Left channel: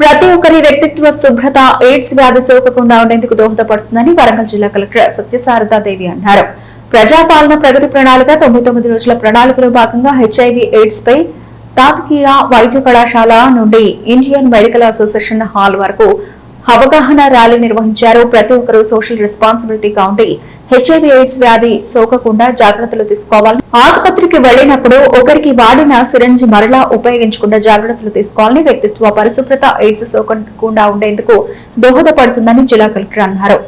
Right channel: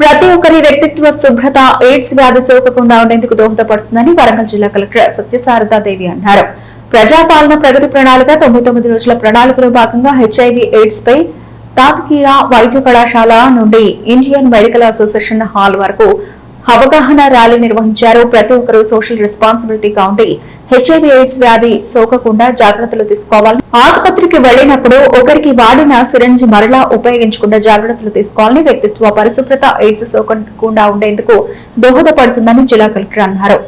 ప్రతి ఒక్కరి వ్యక్తిత్వ శుభ్రత ఎయిడ్స్ వ్యాధి సోకకుండా ఉండేందుకు దోహదపడుతుందని వరంగల్ జిల్లా కలెక్టర్ సత్యసారదాదేవి అన్నారు. ప్రజాపాలన ప్రగతి ప్రణాళిక 99 రోజుల ప్రణాళికలో భాగంగా హెచ్ఐవి ఎయిడ్స్ పై తాత్కాలిక వైద్య కళాశాల నుండి ఇండియన్ మెడికల్ అసోసియేషన్ హాల్ వరకు అవగాహన ర్యాలీ నిర్వహించారు. ప్రతి ఒక్కరూ సోషల్ రెస్పాన్సిబిలిటీగా ఉండి హెచ్ఐవి ఎయిడ్స్ వ్యాధి సోకకుండా జాగ్రత్తలు తీసుకోవాలని, ఆసుపత్రికి వెళ్లినప్పుడు ఒకరికి వాడిన సిరంజ్ మరలా ఉపయోగించకుండా జాగ్రత్తలు తీసుకోవాలని, వ్యక్తిత్వ పరిశుభ్రత ఎయిడ్స్ సోకకుండా ఉండేందుకు దోహదపడుతుందని జిల్లా కలెక్టర్ అన్నారు.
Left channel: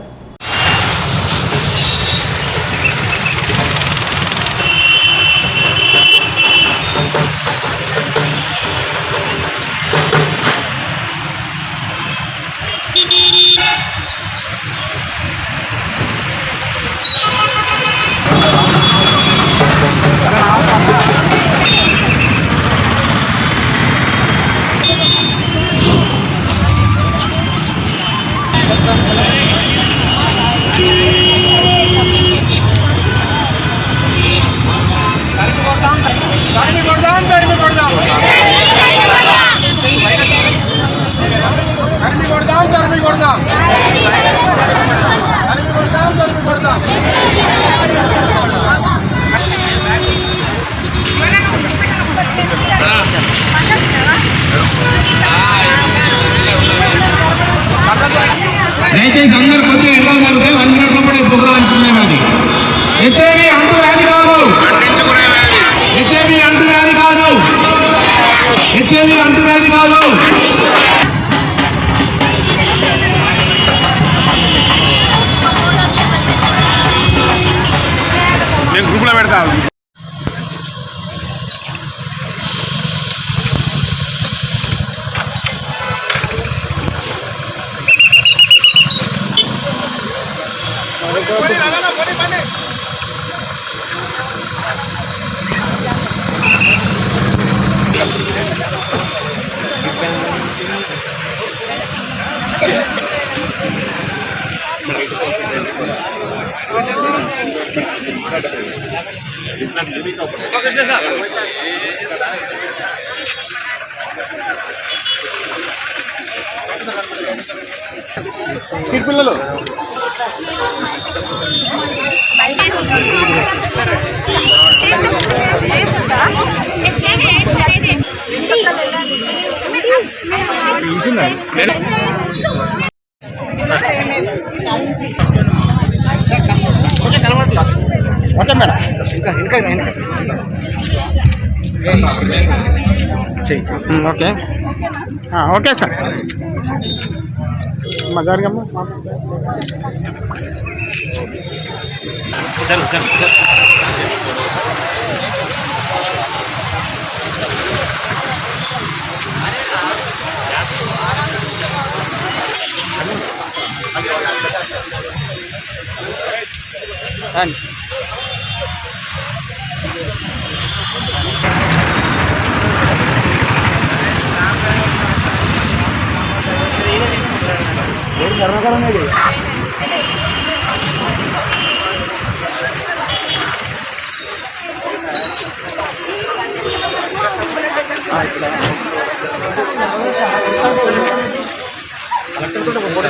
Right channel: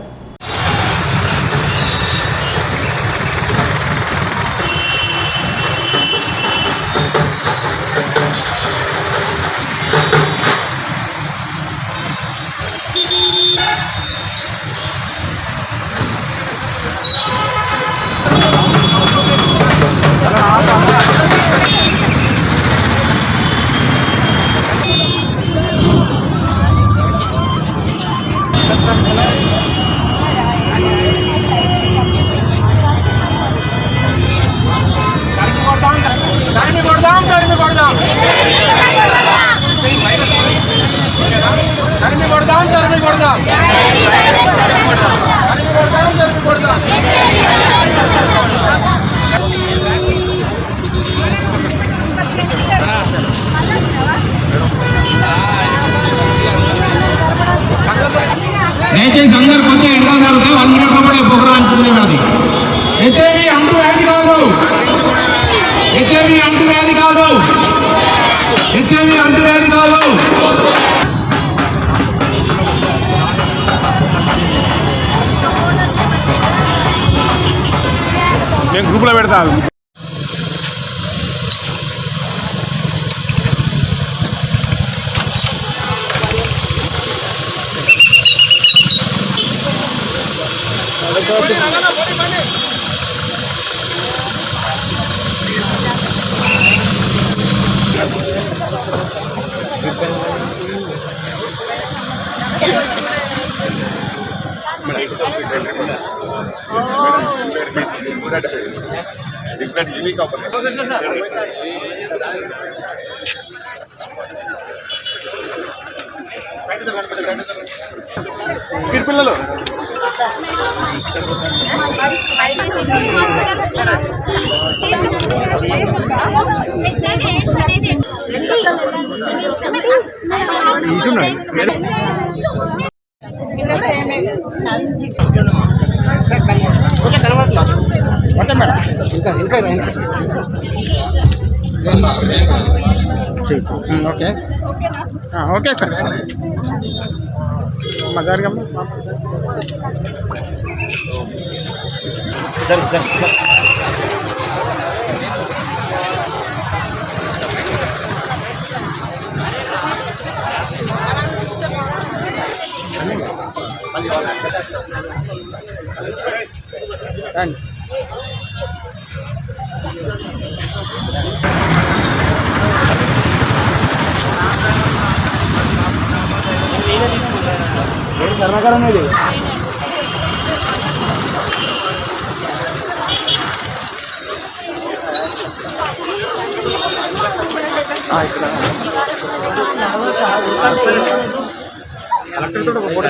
దయచేసి అందరు కొంచెం ఎక్కువ జరుగుతాయి. 1 మినిట్ లోపల ప్రోగ్రాం చూడేది. హెచ్ఐవి అంటువ్యాధి కాదు, హెచ్ఐవి అంటువ్యాధి కాదు, హెచ్ఐవి అంటువ్యాధి కాదు. నేను గ్రూప్లో పెడతాను. పిల్లలు ఓకే ఓకే సార్ మజారుగమ్మ కర్ణాకరం కలెక్టర్ ఒక ఫోటో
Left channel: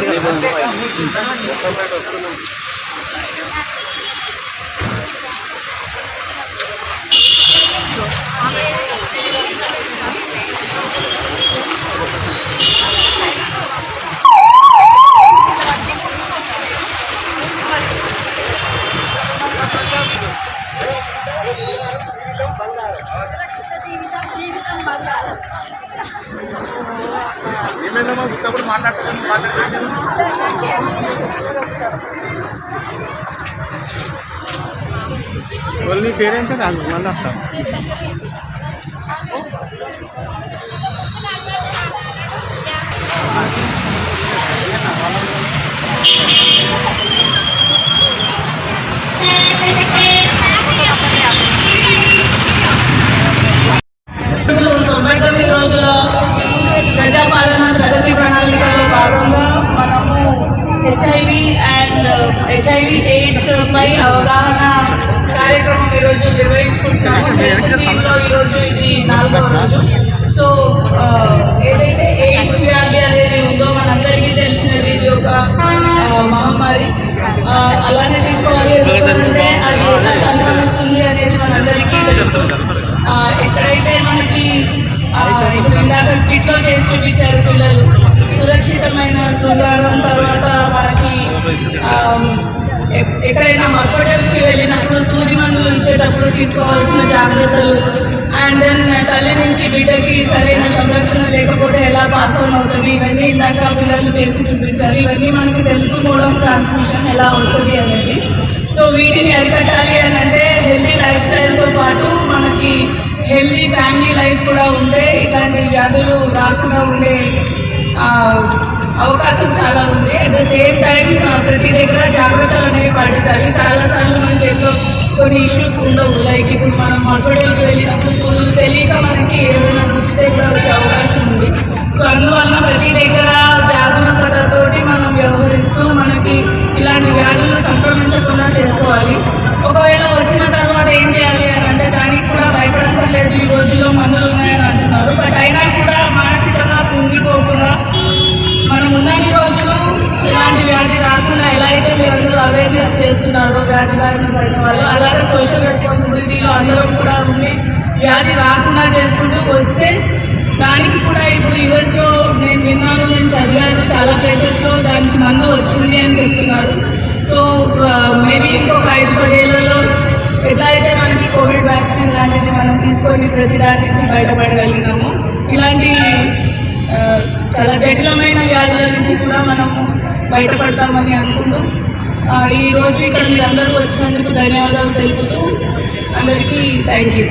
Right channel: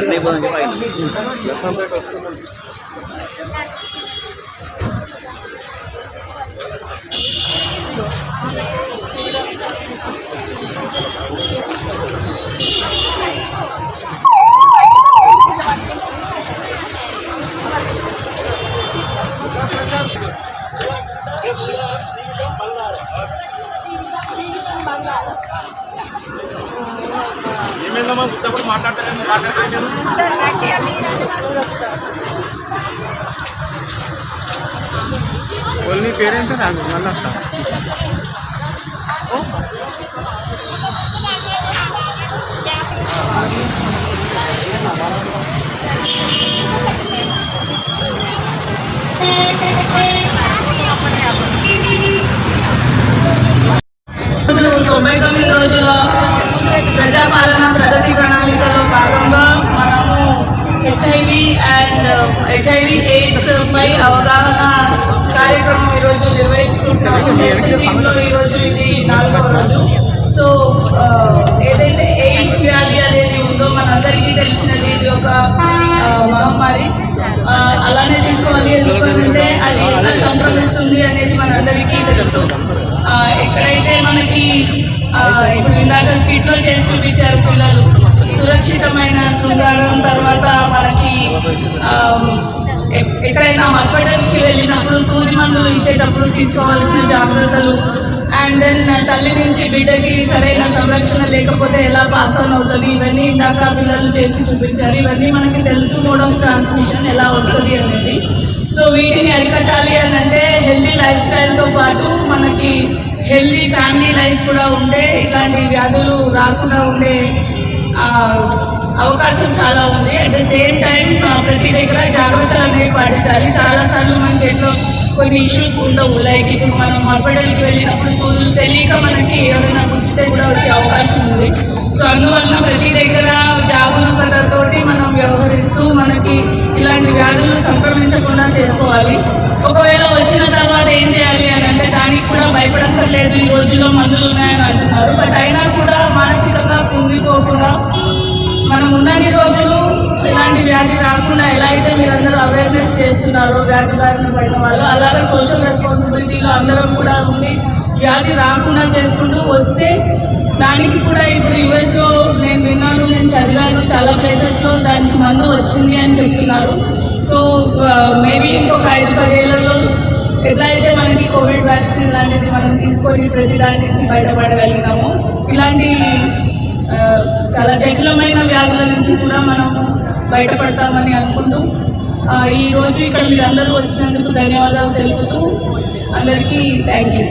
ఓన్లీ పేరెంట్ రాదు మళ్ళీ వస్తా రోజుల ప్రజాపాలన ప్రగతి ప్రణాళికలో భాగంగా మనము హెచ్ఐవి ఎయిడ్స్ పై అవగాహన కార్యక్రమం ఈరోజు నిర్వహించుకుంటున్నాము. హెల్త్ టీంలో ఈరోజు ఇది 4వ రోజు. సో ఏదైతే ఎయిడ్స్ వ్యాధి మహమ్మారి. అలానే తీసుకోవాలి, ఎందుకంటే అది ఎలా సంక్రమిస్తుంది అనేది మనందరికీ తెలుసు. ఎక్కడైతే మనకి ఇప్పుడు ఇందాక స్కిట్లో చేసి చూపించారు పిల్లలు, సురక్షితమైన శృంగారం, తర్వాత మనకి ఎక్కడైనా హాస్పిటల్స్కి వెళ్ళినప్పుడు సూది మందులు ఇచ్చేటప్పుడు తీసుకోవాల్సిన జాగ్రత్తలు, అండ్ దెన్ తల్లి నుంచి బిడ్డకి సరైన సంరక్షణ లేకపోతే ఎలా పాస్ ఆన్ అవుతుంది, ఇవన్నీ ఇందాక పిల్లలు చేసి చూపించారు. ఇవన్నీ మనకి తెలుసు, మోడ్ ఆఫ్ ట్రాన్స్మిషన్ ఎలా వస్తుంది అనేది. సో వీటిని అరికట్టాలి అని అంటే హెల్దీ లైఫ్ స్టైల్తో పాటు మనకి హెల్దీ ఫ్యామిలీ లైఫ్ కూడా ఉంటే ఇట్లాంటి వ్యాధులు రాకుండా ఉండే అవకాశం చాలా ఉంది. అట్ ద సేమ్ టైం ప్రతి దగ్గర జాగ్రత్తలు అనేవి పాటించాలి. చాలాసార్లు మన చేతిలో కొన్ని ఇష్యూస్ ఉండవు, లైక్ ఇప్పుడు మనం హాస్పిటల్కి వెళ్ళినప్పుడు సూదులు తెలియక మనకి ఏమైనా గుచ్చితే కూడా వచ్చే అవకాశం ఉంది. సో అందువలన ప్రతి దగ్గర జాగరూకతతోటి మనం వ్యవహరిస్తూ మనకి ఇలాంటి వ్యాధులు సంక్రమించకుండా చేసుకోవాలి. ఒకవేళ వచ్చిన తర్వాత ఏం చేయాలి అని అంటే దానికి కూడా భయపడక్కర్లేదు, ఈ రోజుల్లో మందులు ఉన్నాయని అంటున్నారు. బట్ అయినా కూడా మానసికంగా కుంగిపోకుండా మనం ఉన్నన్ని రోజులు ఇలాంటి వ్యాధి రాకుండా ఎలా అయితే మీరందరూ అవేర్నెస్ చేస్తున్నారో వ్యాధి బారిన పడిన వాళ్ళు, అలాగే సోషల్ రెస్పాన్సిబిలిటీలో అందరం కూడా ఉండి వ్యాధి రాకుండా చేసుకుంటూ వస్తే దానికి కూడా ఇప్పుడు యూఎస్లో నేను విన్నాను, నేను చదివాను, చాలా ప్లేసెస్లో దానికి మందు వచ్చింది అని చెప్తున్నారు. సో మేబీ ఇంకొక 5-10 ఏళ్లలో ఎట్లా అయితే మనకి కోవిడ్ వ్యాక్సిన్ లాంటిది మనం తీసుకొని ప్రతి దాని నుంచి బయటపడగలిగినాము, ఇలాంటి చాలా జటిలమైన వ్యాధుల నుంచి కూడా మనము బయటపడతామని అనుకుంటూ ఈరోజు ఇక్కడ మీరందరూ వచ్చినందుకు ధన్యవాదాలు తెలుపుతూ అందరికీ థ్యాంక్ యూ.